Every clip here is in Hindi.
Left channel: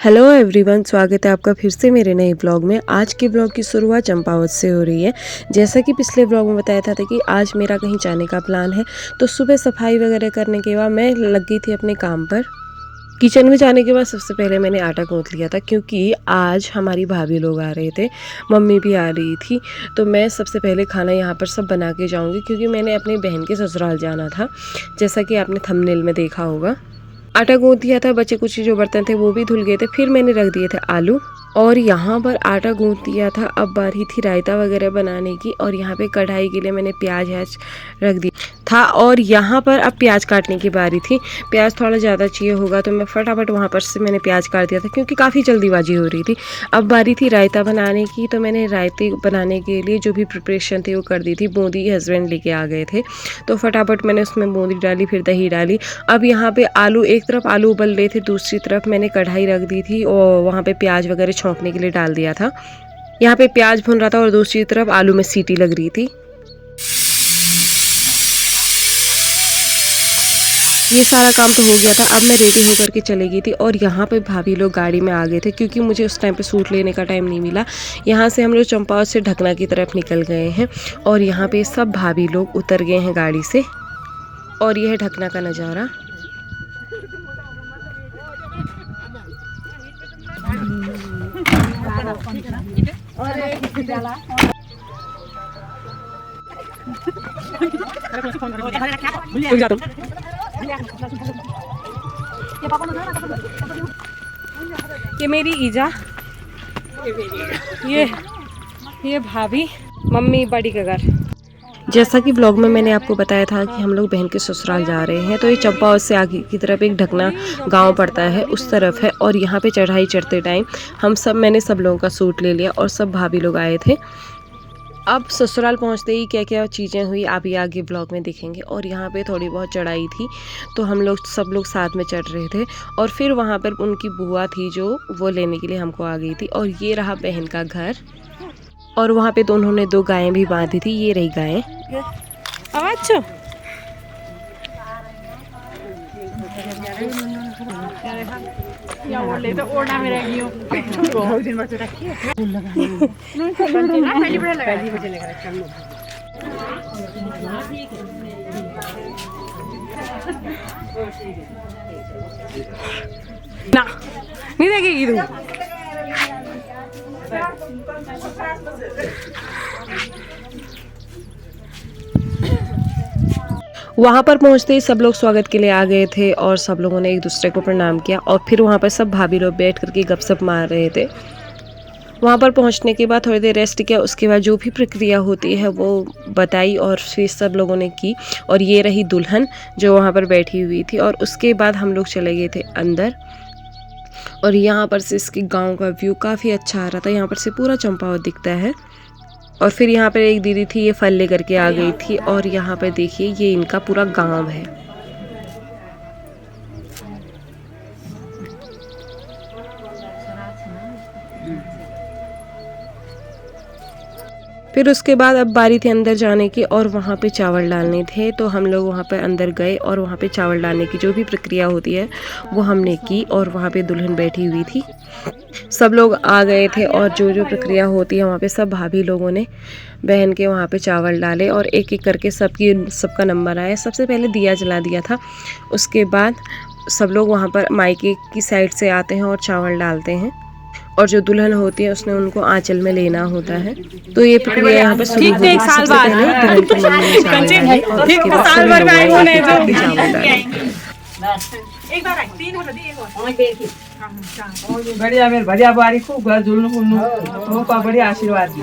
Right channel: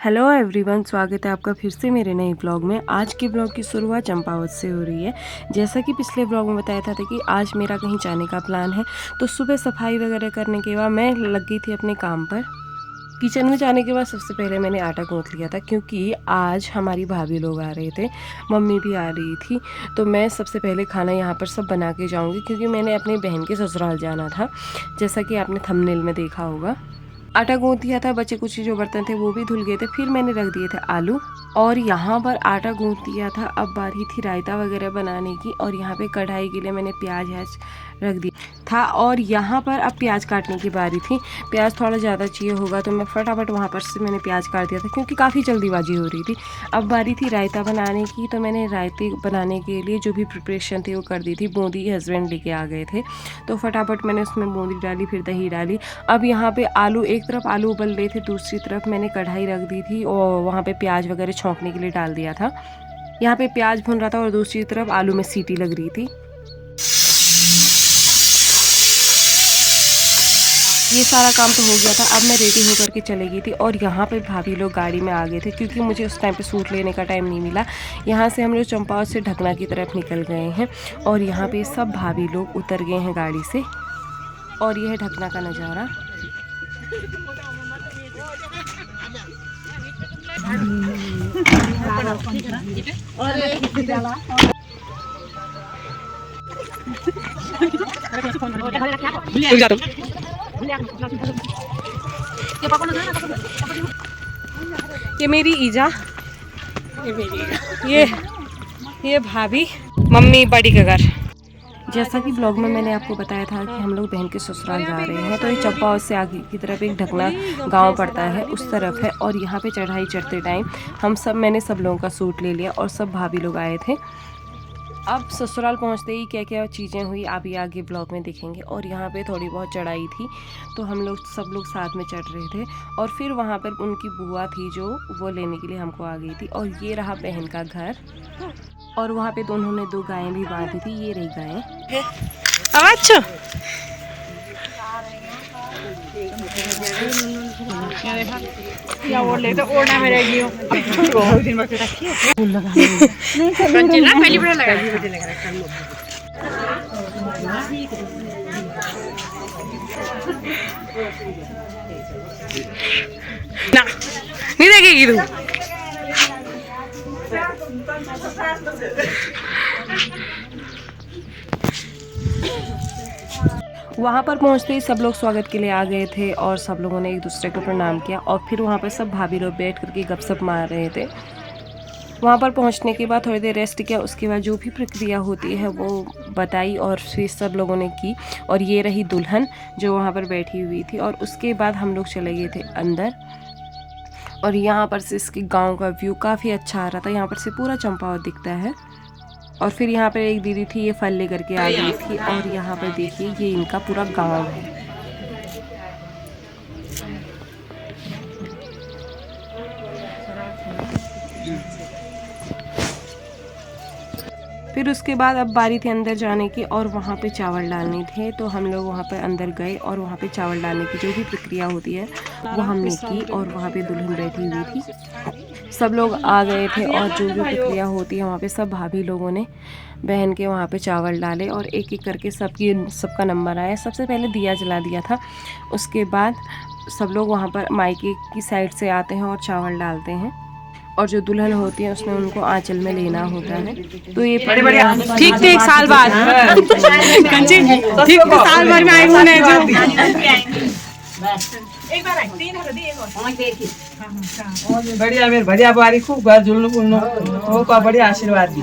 हेलो एवरीवन, स्वागत है आपका फिर से मेरे नए ब्लॉग में। आज के ब्लॉग की शुरुआत चंपावत से हो रही है। जैसा कि पिछले ब्लॉग में बताया था कि आज मेरा कहीं जाने का प्लान है, तो सुबह सफाई वगैरह करने के बाद मैं लग गई थी अपने काम पर। किचन में जाने के बाद सबसे पहले मैंने आटा गूंथ लिया था, क्योंकि आज हमारी भाभी लोग आ रहे थे, मम्मी भी आ रही थी। तो मैं सबसे पहले खाना यहाँ पर सब बना के जाऊँगी, क्योंकि मैंने अपनी बहन के ससुराल जाना था, जैसा कि आपने थंबनेल में देखा होगा। आटा गूंथ दिया था, बचे कुछ जो बर्तन थे वो भी धुल गए थे। फिर मैंने रख दिए थे आलू, और यहाँ पर आटा गूंथ दिया था। अब बारी थी रायता वगैरह बनाने की, और यहाँ पे कढ़ाई के लिए मैंने प्याज रख दिया था, और यहाँ पर अब प्याज काटने की बारी थी। प्याज थोड़ा ज़्यादा चाहिए होगा, तो मैं फटाफट वहाँ पर से मैंने प्याज काट दिया था, क्योंकि काफ़ी जल्दीबाजी हो रही थी। अब बारी थी रायता बनाने की, तो मैंने रायते बनाने के लिए जो भी प्रिपरेशन थी वो कर दी थी। बूंदी हस्बैंड लेके आ गए थे, तो फटाफट मैंने उसमें बूंदी डाली, फिर दही डाली। अब यहाँ पे आलू, एक तरफ आलू उबल रहे थे, दूसरी तरफ मैंने कढ़ाई रख दी थी और वहाँ पे प्याज वगैरह छौंकने के लिए डाल दिया था। यहाँ पे प्याज भुन रहा था और दूसरी तरफ आलू में सीटी लग रही थी। ये सारा काम तो हो गया था। अब मैं रेडी होकर के चली गई थी, और यहाँ पे भाभी लोग गाड़ी में आ गए थे, क्योंकि मुझे उस टाइम पे सूट लेने का टाइम नहीं मिला। यहाँ से हम लोग चंपावत से ढकना की तरफ निकल गए हैं, और यहाँ पे सब भाभी लोग उतर गए हैं गाड़ी से। और यह है ढकना का नज़ारा। ये मेरी ईजा, ये भाभी, मम्मी बड़ी का घर। जैसा कि ब्लॉग में मैंने आपको बताया था कि हम लोग बहन के ससुराल जा रहे हैं, तो ये चंपावत से आगे की तरफ एक ढकना गांव पड़ता है, उस तरफ है। और यहाँ पे चढ़ाई चढ़ते टाइम मैंने सब लोगों का सूट ले लिया, और सब भाभी लोग आए थे। अब ससुराल पहुँचते ही क्या क्या चीज़ें हुई आप ये आगे ब्लॉग में देखेंगे। और यहाँ पे थोड़ी बहुत चढ़ाई थी, तो हम लोग सब लोग साथ में चढ़ रहे थे। और फिर वहाँ पर उनकी बुआ थी जो वो लेने के लिए हमको आ गई थी। और ये रहा बहन का घर, और वहाँ पे तो उन्होंने 2 गायें भी बांधी थी। ये रही गायें। आवाज ना नहीं देखेगी तू। वहाँ पर पहुँचते ही सब लोग स्वागत के लिए आ गए थे, और सब लोगों ने एक दूसरे को प्रणाम किया। और फिर वहाँ पर सब भाभी लोग बैठ करके गपशप मार रहे थे। वहाँ पर पहुँचने के बाद थोड़ी देर रेस्ट किया, उसके बाद जो भी प्रक्रिया होती है वो बताई, और फिर सब लोगों ने की। और ये रही दुल्हन जो वहाँ पर बैठी हुई थी। और उसके बाद हम लोग चले गए थे अंदर, और यहाँ पर से इसके गांव का व्यू काफ़ी अच्छा आ रहा था। यहाँ पर से पूरा चंपावत दिखता है। और फिर यहाँ पर एक दीदी थी, ये फल लेकर के आ गई थी। और यहाँ पर देखिए ये इनका पूरा गांव है। फिर उसके बाद अब बारी थी अंदर जाने की, और वहाँ पे चावल डालने थे। तो हम लोग वहाँ पर अंदर गए, और वहाँ पे चावल डालने की जो भी प्रक्रिया होती है वो हमने की। और वहाँ पे दुल्हन बैठी हुई थी, सब लोग आ गए थे, और जो जो प्रक्रिया होती है वहाँ पे सब भाभी लोगों ने बहन के वहाँ पे चावल डाले, और एक एक करके सबका नंबर आया। सबसे पहले दिया जला दिया था, उसके बाद सब लोग वहाँ पर मायके की साइड से आते हैं और चावल डालते हैं। और जो दुल्हन होती है उसने उनको आंचल में लेना होता है। तो ये प्रक्रिया ठीक थे 1 साल बाद ठीक साल भर में आई हूँ जो एक बार 3 हो दी बढ़िया मेरे बढ़िया बारी खूब घर झुलनु पुलनु वो का बढ़िया आशीर्वाद दी।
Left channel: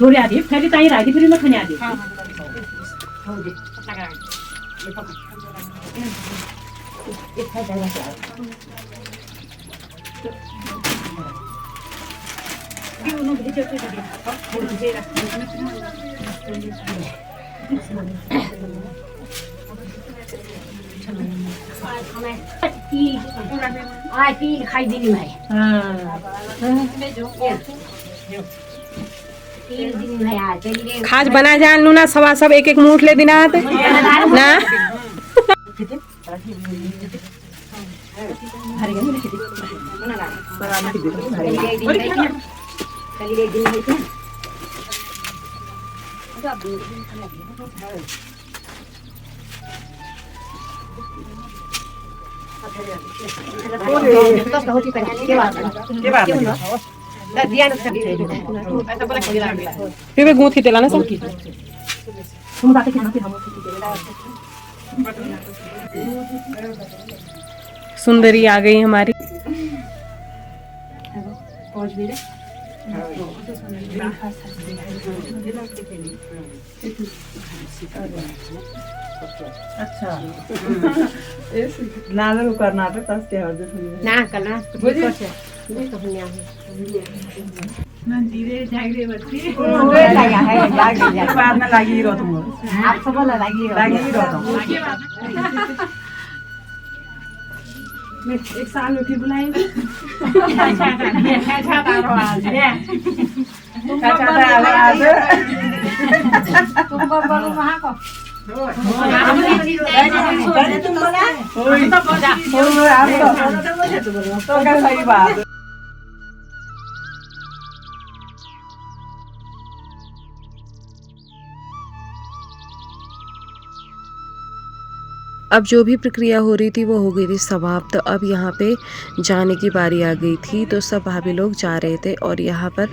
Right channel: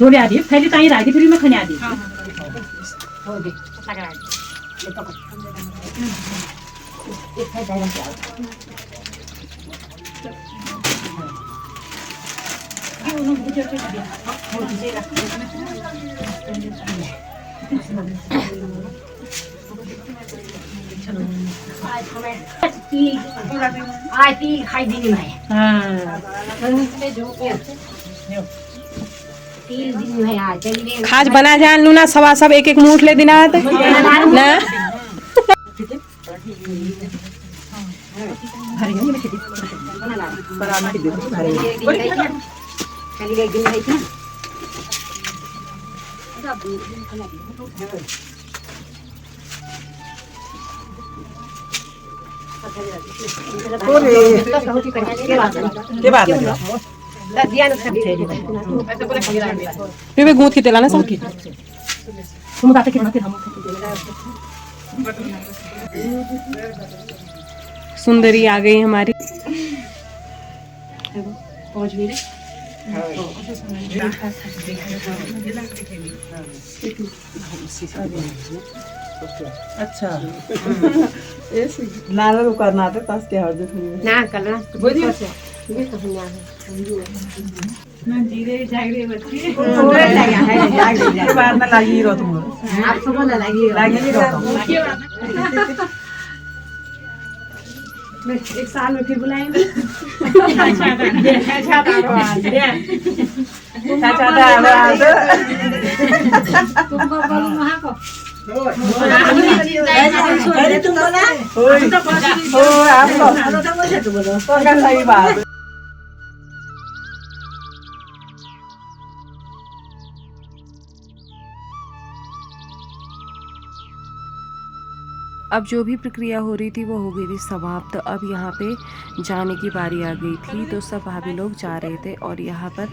थोड़ी आधी पहले ताई राजी फिर मैं खाने आधी खाज बना जान लू ना सवा सब एक एक मुठ ले दिना ना फिर गूंथ के तेला ना सब सुंदरी आ गई हमारी। अच्छा नाला रो करना तो पास के हर ना करना ना जीरे जागरे बच्ची लगा है जागरे बाद में लगी रो तुम आप सब लगी रो मैं एक साल में फिर बुलाएंगे तुम बोलो वहां को सही बात। अब जो भी प्रक्रिया हो रही थी वो हो गई थी समाप्त। अब यहाँ पे जाने की बारी आ गई थी तो सब भाभी लोग जा रहे थे और यहाँ पर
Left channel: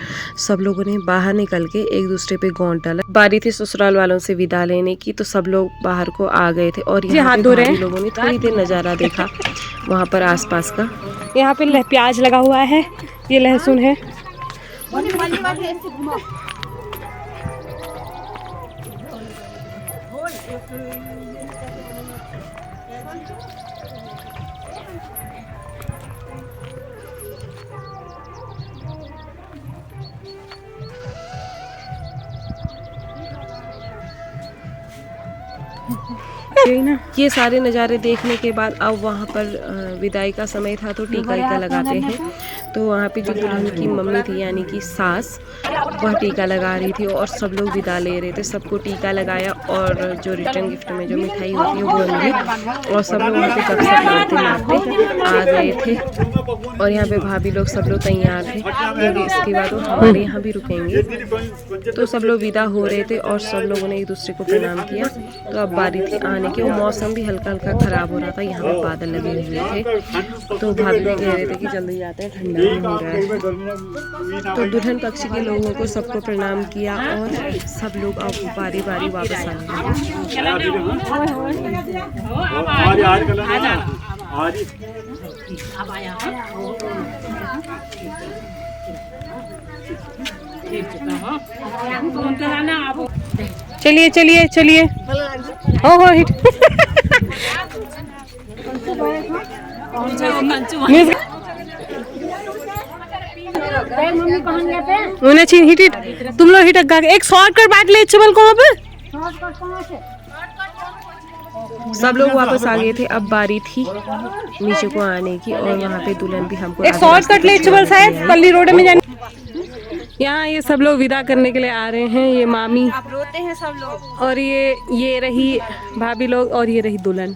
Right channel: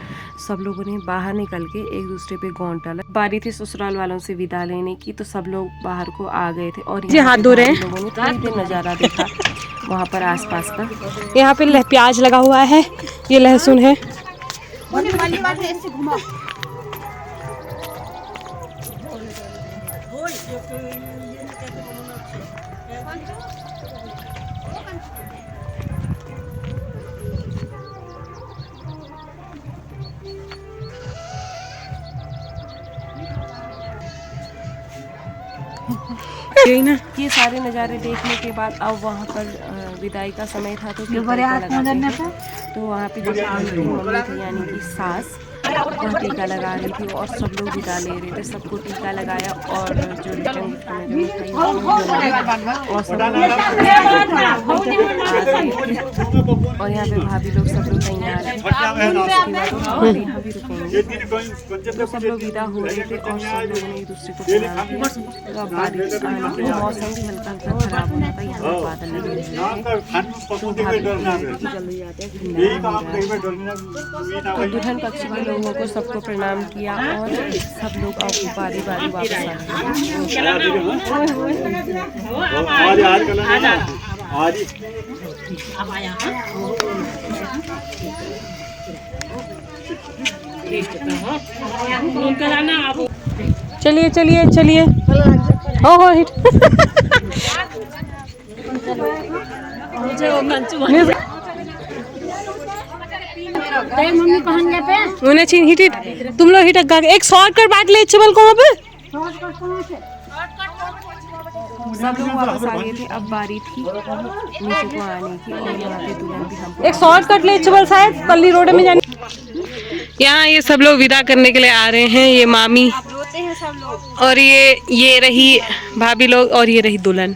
सब लोगों ने बाहर निकल के एक दूसरे पे गौंट डाला। बारी थी ससुराल वालों से विदा लेने की तो सब लोग बाहर को आ गए थे और यहाँ हाथ धो रहे हैं। लोगों ने थोड़ी देर नज़ारा देखा वहाँ पर आसपास का। यहाँ पे प्याज लगा हुआ है, ये लहसुन है। यही ना, ये सारे नज़ारे देखने के बाद अब वहाँ पर विदाई का समय था तो टीका लगाते हैं। तो वहाँ पे जो की मम्मी थी यानी कि सास वह टीका लगा रही थी और सब लोग विदा ले रहे थे। सबको टीका लगाया और जो रिटर्न गिफ्ट में जो मिठाई होती है वो मिली और सब लोग आ गए थे। और यहाँ पे भाभी लोग सब लोग तैयार थे क्योंकि इसके बाद वो हमारे यहाँ भी रुकेंगे। तो सब लोग विदा हो रहे थे और सब लोगों ने एक दूसरे को प्रणाम किया। तो अब बारिश आने के मौसम भी हल्का हल्का ख़राब हो रहा था, यहाँ पर बादल लगे हुए थे। तो भाभी लोग कह रहे थे कि जल्दी जाते हैं, ठंडा भी हो रहा है। तो दुल्हन पक्ष के लोगों को सबको प्रणाम किया और सब लोग अब बारी बारी वापस आ गए। चलिए चलिए चलिए हो हिट उन्हें हिट तुम लोग हिट एक शॉर्टकट बांट ले चबल को वहाँ पे सब लोग वापस आ गए थे। अब बारी थी नीचे को आने की और यहाँ पे दुल्हन भी हमको एक शॉर्टकट ले चबल शायद पल्ली रोड में जाने। यहाँ ये सब लोग विदा करने के लिए आ रहे हैं। ये मामी रोते हैं सब लोग और ये रही भाभी लोग और ये रही दुल्हन।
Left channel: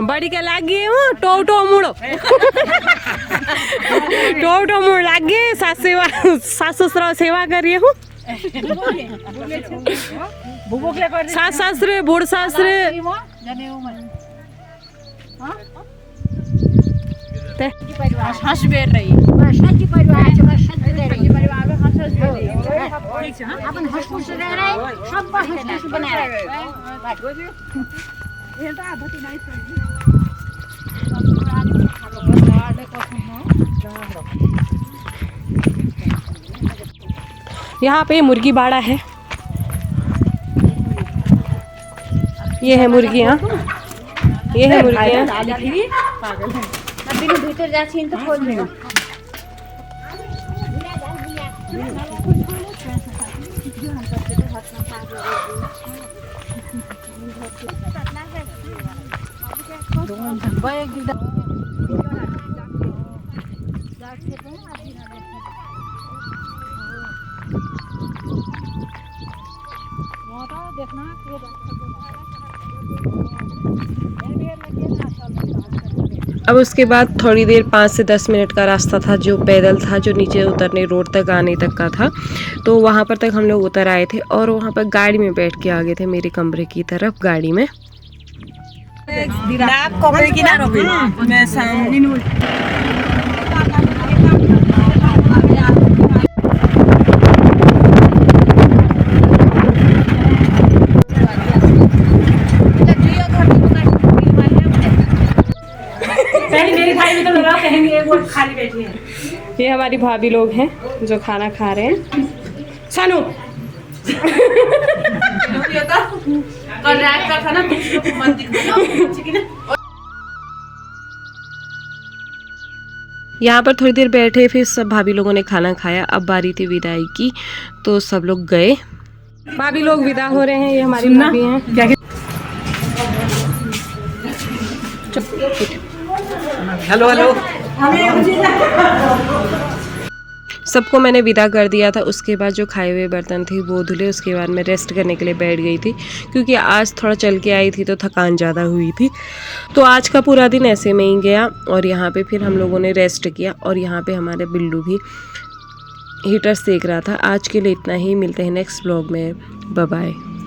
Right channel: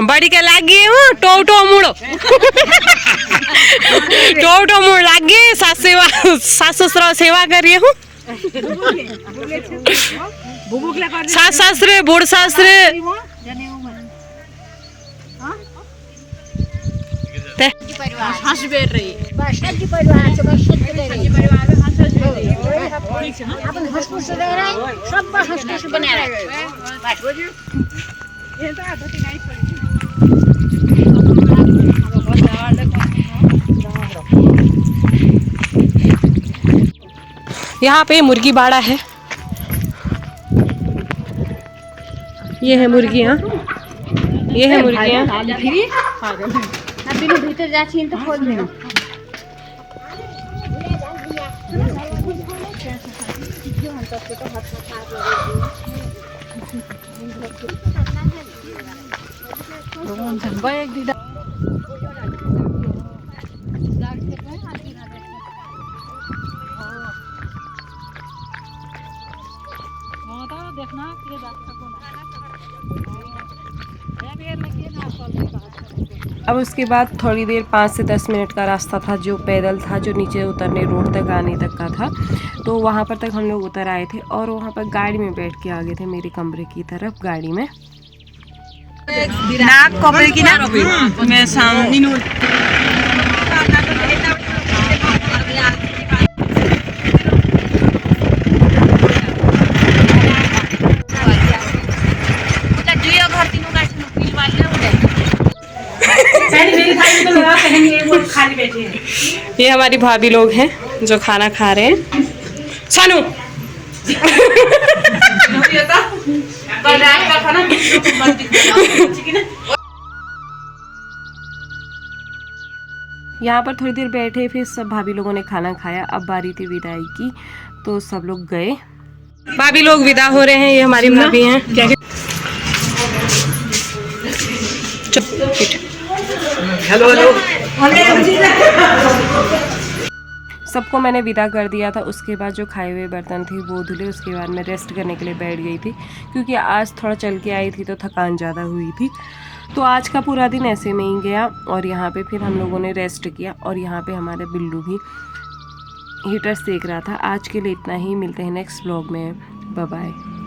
बड़ी के लागी टो मुड़ो टो मुड़ लागे सास ससुर सेवा करिए हूँ। सास सासरे बूढ़ सासरे यहाँ पे मुर्गी बाड़ा है, ये है मुर्गियाँ, ये है मुर्गियाँ। भीतर जाछी तो खोल देना। अब उसके बाद थोड़ी देर 5 से 10 मिनट का रास्ता था जो पैदल था, जो नीचे उतरने रोड तक आने तक का था। तो वहाँ पर तक हम लोग उतर आए थे और वहाँ पर गाड़ी में बैठ के आ गए थे मेरे कमरे की तरफ गाड़ी में। ये हमारी भाभी लोग हैं जो खाना खा रहे हैं। सानू यहाँ पर थोड़ी देर बैठे, फिर सब भाभी लोगों ने खाना खाया। अब बारी थी विदाई की, तो सब लोग गए। भाभी लोग विदा हो रहे हैं, ये हमारी भाभी हैं। Hello hello. सबको मैंने विदा कर दिया था। उसके बाद जो खाए हुए बर्तन थे वो धुले, उसके बाद मैं रेस्ट करने के लिए बैठ गई थी क्योंकि आज थोड़ा चल के आई थी तो थकान ज़्यादा हुई थी। तो आज का पूरा दिन ऐसे में ही गया और यहाँ पे फिर हम लोगों ने रेस्ट किया और यहाँ पे हमारे बिल्लू भी हीटर सेक रहा था। आज के लिए इतना ही, मिलते हैं नेक्स्ट व्लॉग में। Bye bye.